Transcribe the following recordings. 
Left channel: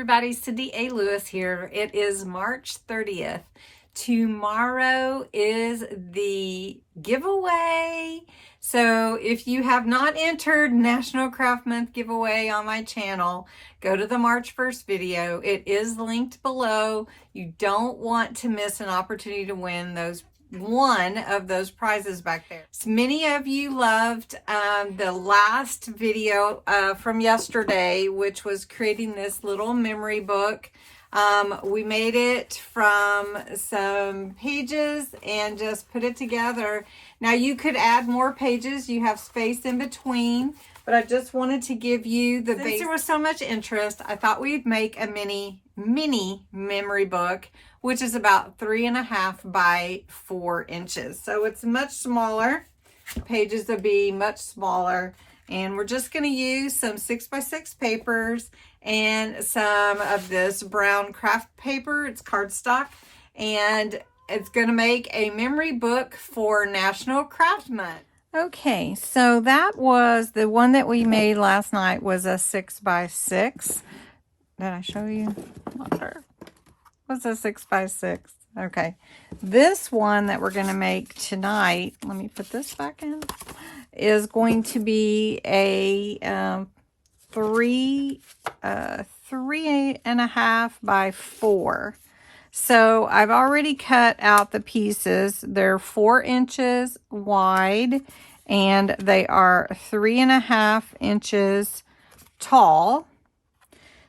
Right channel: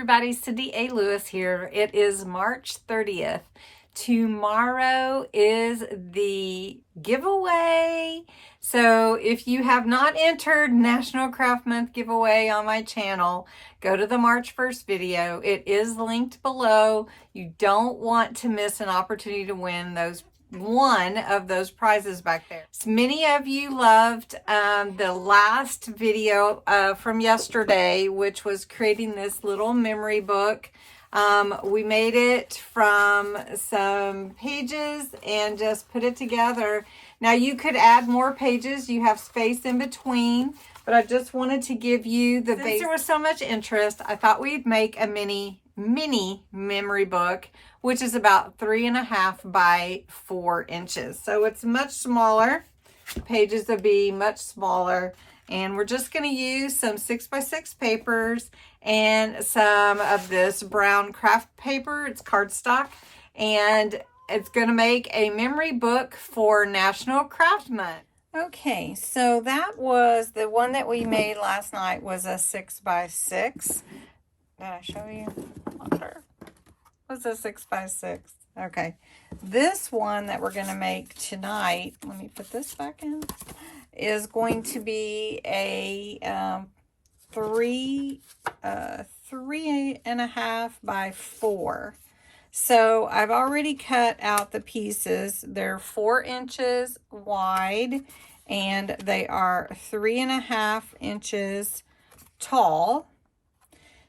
everybody, Cindy A. Lewis here. It is March 30th. Tomorrow is the giveaway. So if you have not entered National Craft Month giveaway on my channel, go to the March 1st video. It is linked below. You don't want to miss an opportunity to win one of those prizes back there. So many of you loved the last video from yesterday, which was creating this little memory book. We made it from some pages and just put it together. Now you could add more pages. You have space in between, but I just wanted to give you the base. Since there was so much interest, I thought we'd make a mini memory book, which is about 3.5 by 4 inches. So it's much smaller. Pages will be much smaller. And we're just going to use some 6x6 papers and some of this brown craft paper. It's cardstock. And it's going to make a memory book for National Craft Month. Okay, so that was the one that we made last night, was a 6x6. Did I show you? What's a 6x6? Okay. This one that we're going to make tonight, let me put this back in, is going to be a 3.5 by 4. So I've already cut out the pieces. They're 4 inches wide and they are 3.5 inches tall.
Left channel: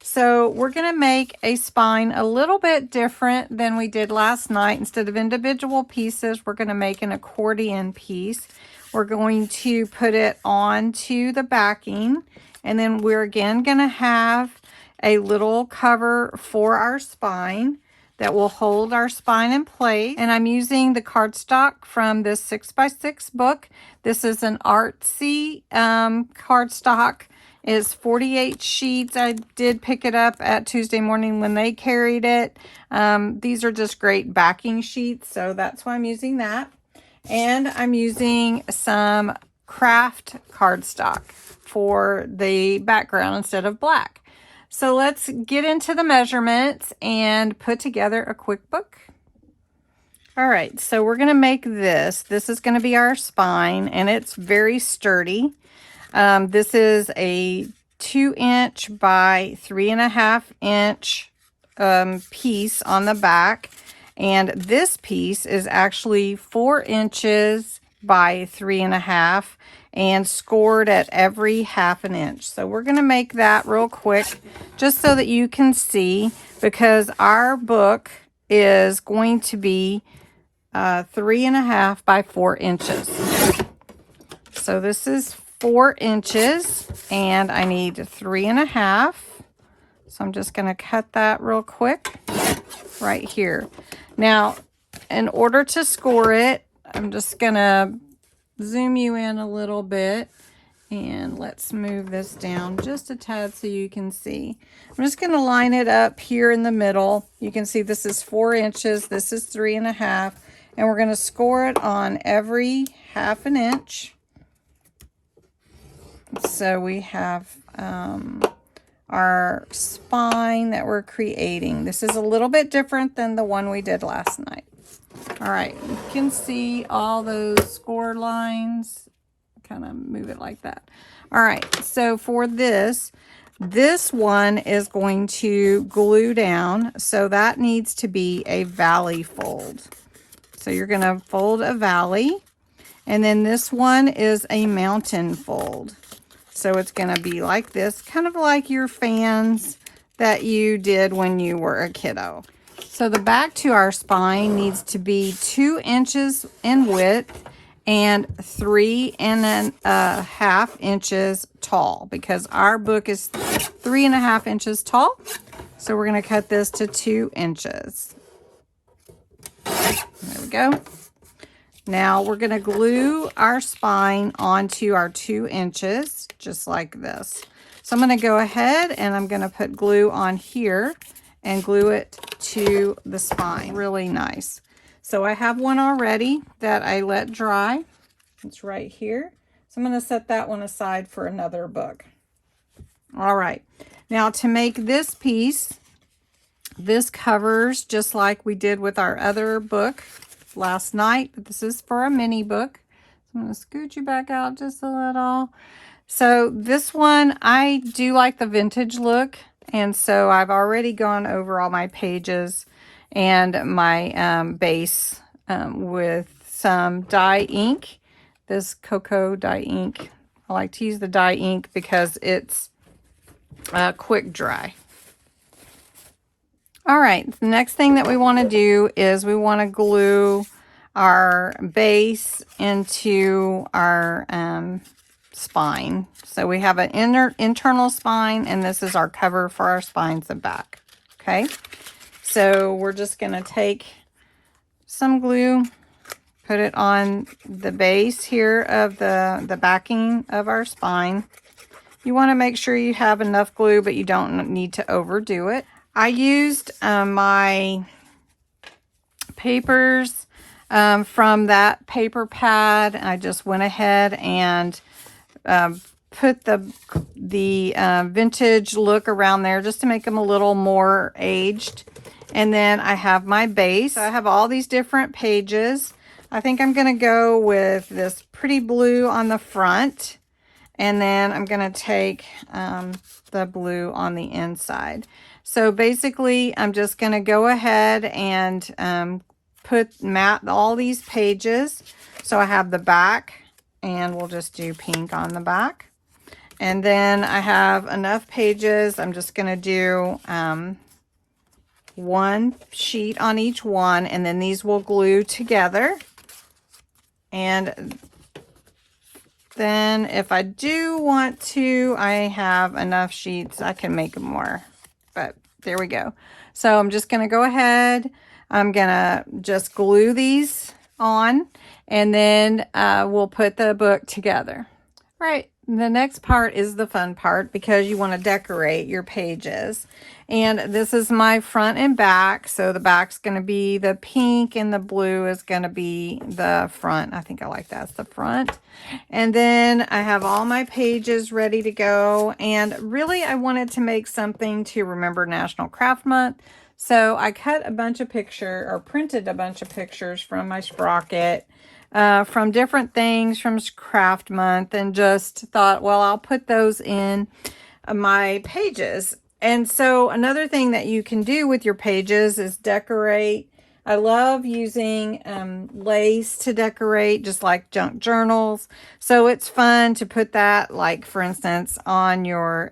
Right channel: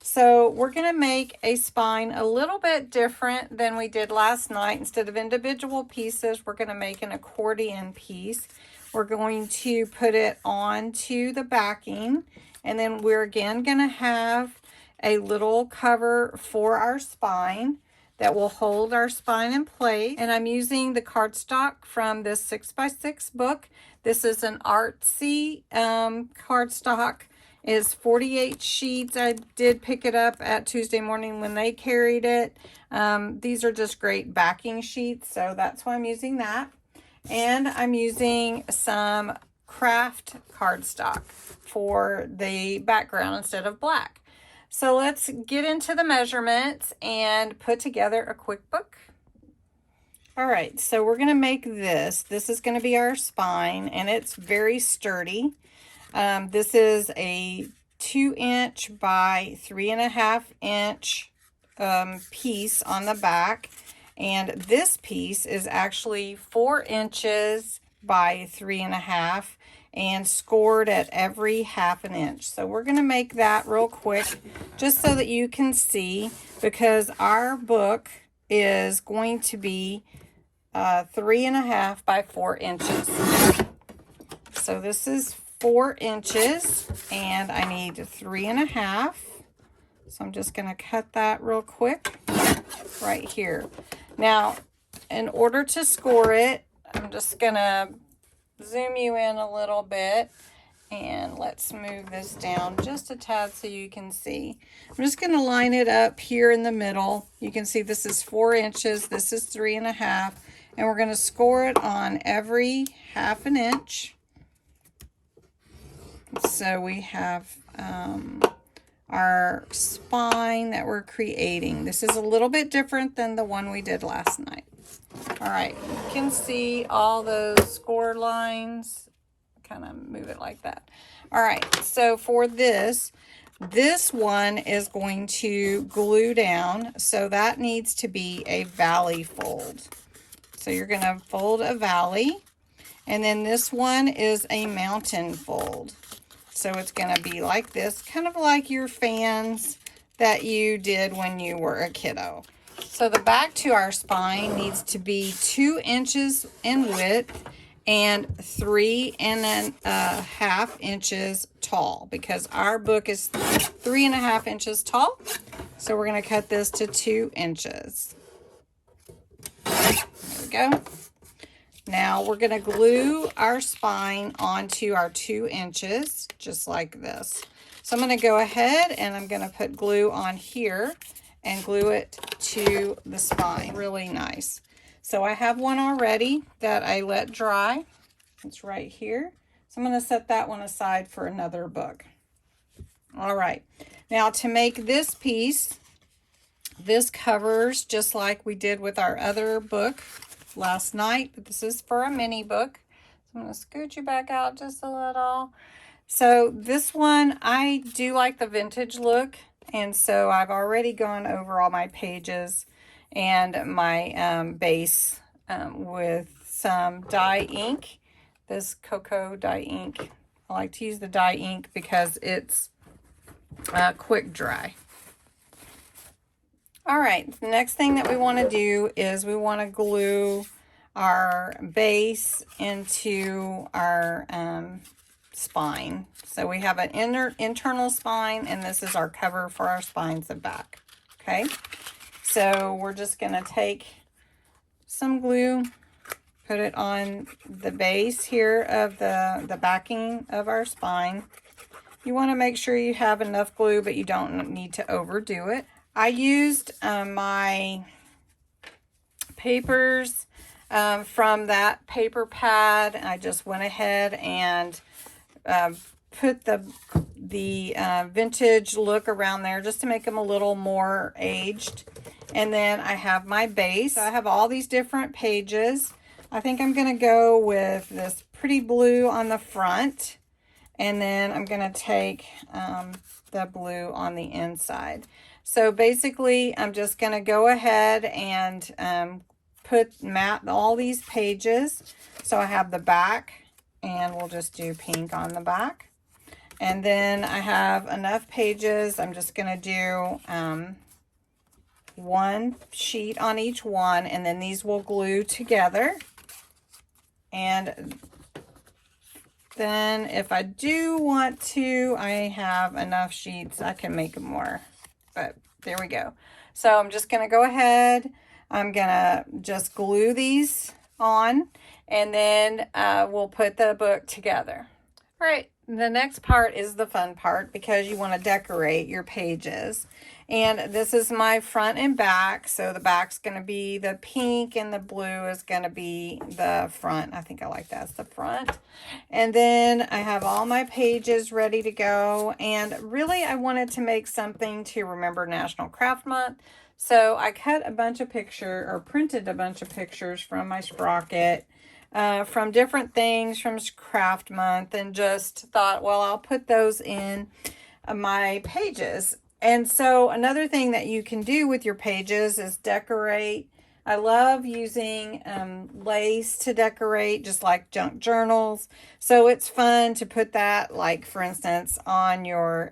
So we're going to make a spine a little bit different than we did last night. Instead of individual pieces, we're going to make an accordion piece. We're going to put it onto the backing, and then we're again going to have a little cover for our spine that will hold our spine in place. And I'm using the cardstock from this 6x6 book. This is an artsy cardstock. It's 48 sheets. I did pick it up at Tuesday morning when they carried it. These are just great backing sheets, so that's why I'm using that. And I'm using some craft cardstock for the background instead of black. So let's get into the measurements and put together a quick book. All right, so we're going to make this. This is going to be our spine, and it's very sturdy. This is a 2-inch by 3.5 inch piece on the back, and this piece is actually 4 inches by 3.5 and scored at every 1/2 inch. So we're going to make that real quick just so that you can see, because our book is going to be 3.5 by 4 inches. So this is 4 inches and I need 3.5. So I'm just going to cut that real quick right here. Now, in order to score it, I'm just going to zoom you in a little bit, and let's move this down just a tad so you can see. I'm just going to line it up here in the middle. You can see this is 4 inches, this is 3.5, and we're going to score it on every 1/2 inch. So we have our spine that we're creating. This is a little bit different than the one we did last night. All right, you can see all those score lines. Kind of move it like that. All right, so for this one is going to glue down. So that needs to be a valley fold. So you're going to fold a valley. And then this one is a mountain fold. So it's going to be like this, kind of like your fans that you did when you were a kiddo. So the back to our spine needs to be 2 inches in width and 3.5 inches tall, because our book is 3.5 inches tall. So we're going to cut this to 2 inches. There we go. Now we're going to glue our spine onto our 2 inches, just like this. So I'm going to go ahead and I'm going to put glue on here and glue it to the spine. Really nice. So I have one already that I let dry. It's right here. So I'm going to set that one aside for another book. All right. Now to make this piece, this covers just like we did with our other book last night, but this is for a mini book. So I'm going to scoot you back out just a little. So this one, I do like the vintage look, and so I've already gone over all my pages and my base with some dye ink. This cocoa dye ink. I like to use the dye ink because it's quick dry. All right, the next thing that we want to do is we want to glue our base into our spine. So we have an internal spine, and this is our cover for our spines and back. Okay, so we're just going to take some glue, put it on the base here of the backing of our spine. You want to make sure you have enough glue, but you don't need to overdo it. I used my papers from that paper pad. I just went ahead and put the vintage look around there just to make them a little more aged. And then I have my base. So I have all these different pages. I think I'm going to go with this pretty blue on the front. And then I'm going to take the blue on the inside. So basically, I'm just going to go ahead and mat all these pages. So I have the back, and we'll just do pink on the back. And then I have enough pages. I'm just going to do one sheet on each one, and then these will glue together. And then if I do want to, I have enough sheets. I can make more, but there we go. So I'm just going to go ahead. I'm going to just glue these on, and then we'll put the book together. Right. The next part is the fun part because you want to decorate your pages. And this is my front and back. So the back's going to be the pink and the blue is going to be the front. I think I like that's the front. And then I have all my pages ready to go. And really I wanted to make something to remember National Craft Month. So I cut a bunch of pictures, or printed a bunch of pictures from my sprocket. From different things from Craft Month, and just thought, well, I'll put those in my pages. And so another thing that you can do with your pages is decorate. I love using lace to decorate, just like junk journals. So it's fun to put that, like for instance, on your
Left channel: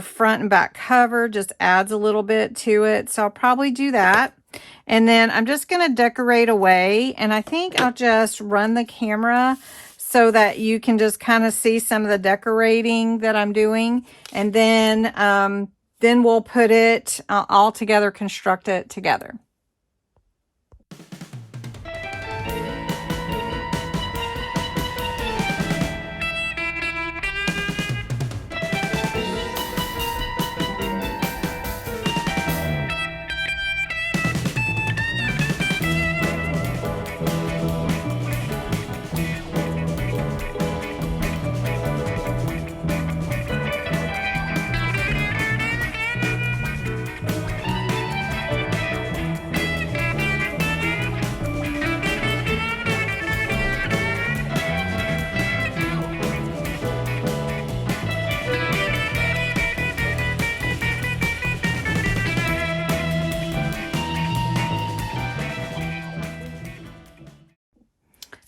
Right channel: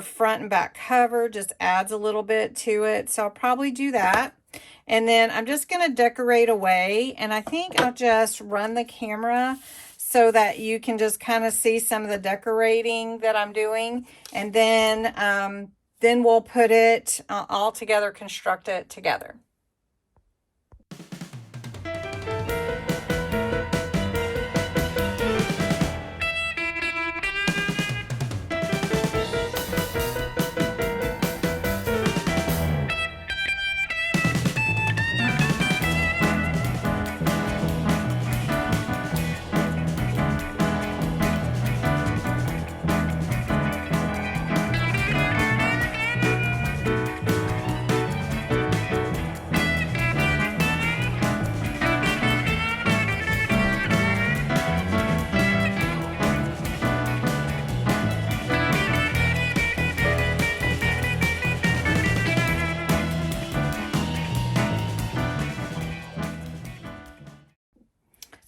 front and back cover. Just adds a little bit to it. So I'll probably do that. And then I'm just going to decorate away, and I think I'll just run the camera so that you can just kind of see some of the decorating that I'm doing. And then we'll put it all together, construct it together.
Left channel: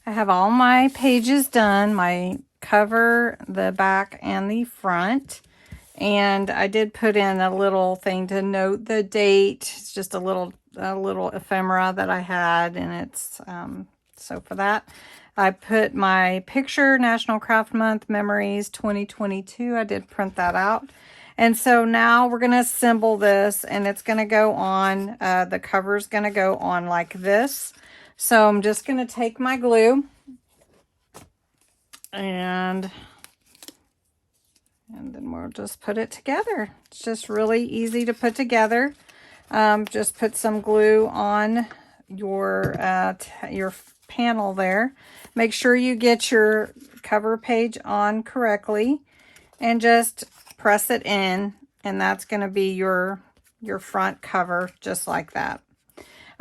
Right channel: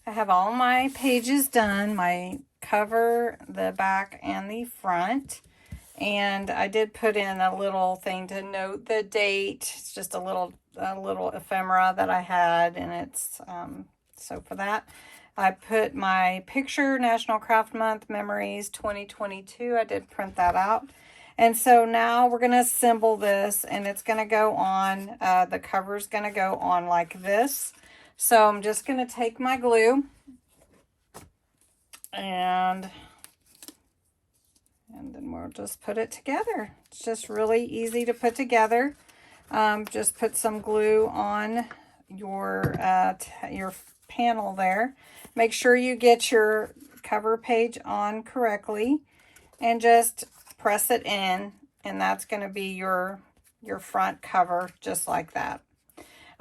I have all my pages done, my cover, the back, and the front. And I did put in a little thing to note the date. It's just a little ephemera that I had, and it's so for that I put my picture, National Craft Month Memories 2022. I did print that out. And so now we're going to assemble this, and it's going to go on, the cover's going to go on like this. So I'm just going to take my glue and then we'll just put it together. It's just really easy to put together. Just put some glue on your panel there. Make sure you get your cover page on correctly, and just press it in, and that's going to be your front cover, just like that.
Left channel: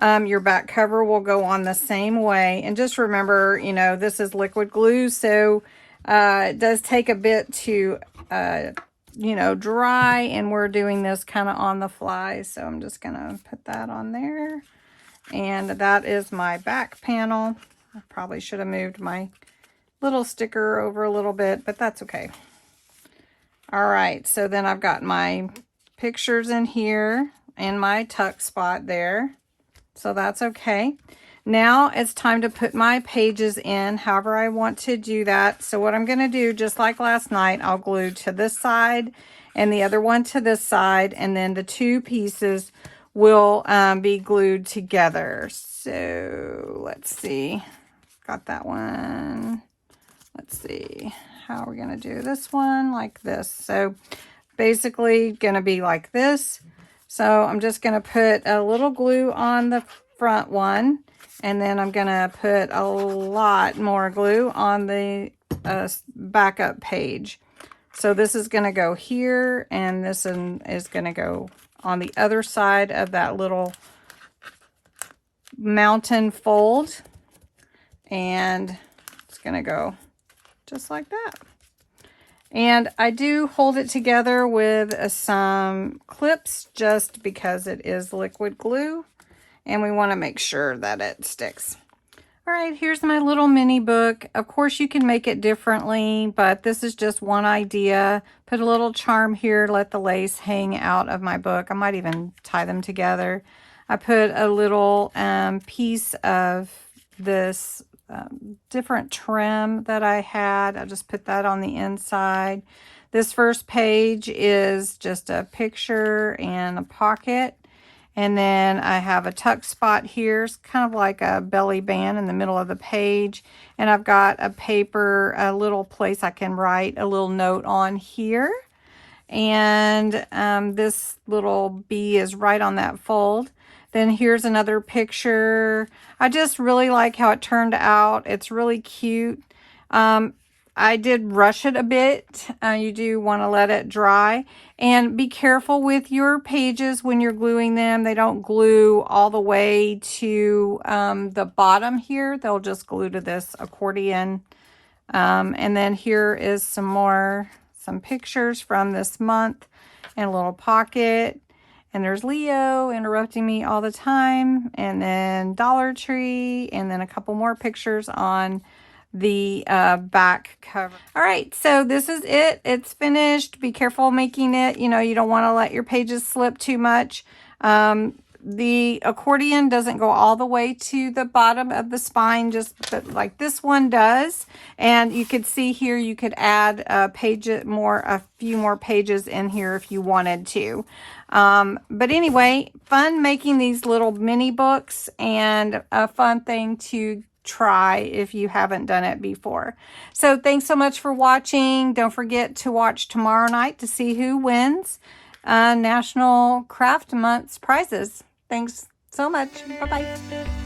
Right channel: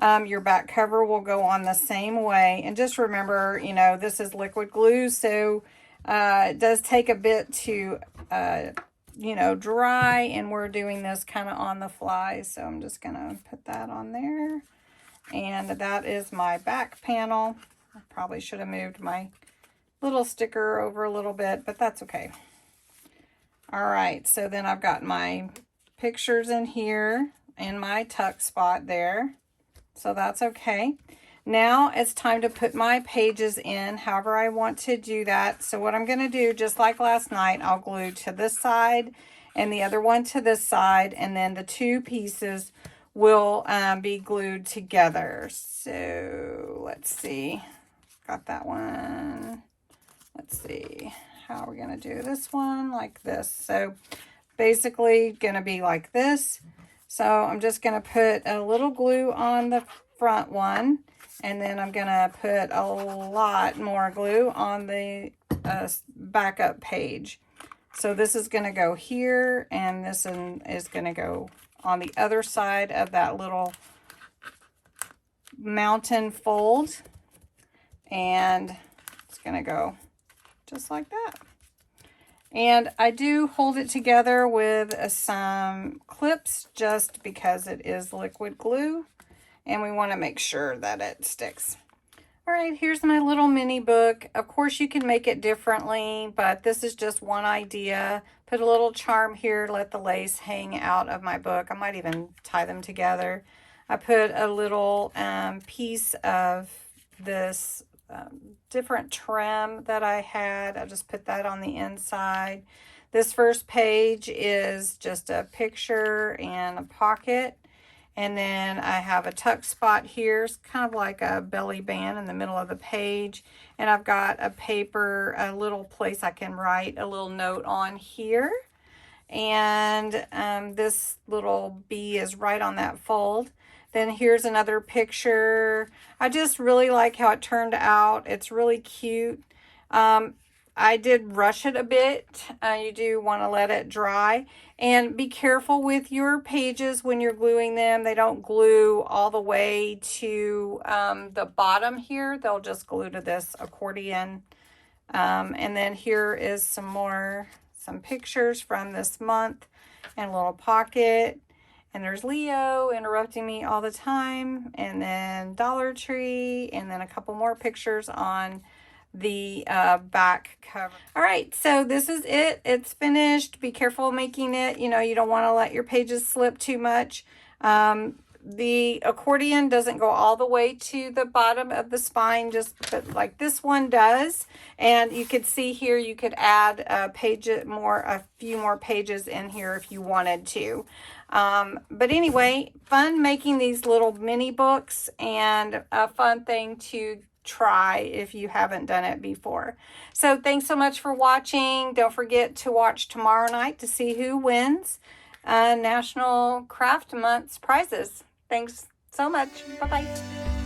Your back cover will go on the same way. And just remember, you know, this is liquid glue, so it does take a bit to, you know, dry, and we're doing this kind of on the fly. So I'm just going to put that on there. And that is my back panel. I probably should have moved my little sticker over a little bit, but that's okay. All right, so then I've got my pictures in here and my tuck spot there. So that's okay. Now it's time to put my pages in however I want to do that. So what I'm going to do, just like last night, I'll glue to this side and the other one to this side, and then the two pieces will be glued together. So let's see. Got that one. Let's see. How are we going to do this one? Like this. So basically going to be like this. So I'm just going to put a little glue on the front one, and then I'm going to put a lot more glue on the backup page. So this is going to go here, and this is going to go on the other side of that little mountain fold, and it's going to go just like that. And I do hold it together with some clips just because it is liquid glue, and we want to make sure that it sticks. All right, here's my little mini book. Of course, you can make it differently, but this is just one idea. Put a little charm here, let the lace hang out of my book. I might even tie them together. I put a little piece of this different trim that I had. I just put that on the inside. This first page is just a picture and a pocket. And then I have a tuck spot here. It's kind of like a belly band in the middle of the page. And I've got a paper, a little place I can write a little note on here. And this little bee is right on that fold. Then here's another picture. I just really like how it turned out. It's really cute. I did rush it a bit. You do want to let it dry. And be careful with your pages when you're gluing them. They don't glue all the way to the bottom here. They'll just glue to this accordion. And then here is some pictures from this month and a little pocket. And there's Leo interrupting me all the time. And then Dollar Tree. And then a couple more pictures on the back cover. All right, so this is it. It's finished. Be careful making it. You know, you don't want to let your pages slip too much. The accordion doesn't go all the way to the bottom of the spine, just like this one does. And you could see here, you could add a few more pages in here if you wanted to. But anyway, fun making these little mini books, and a fun thing to try if you haven't done it before. So thanks so much for watching. Don't forget to watch tomorrow night to see who wins National Craft Month's prizes. Thanks so much. Bye-bye.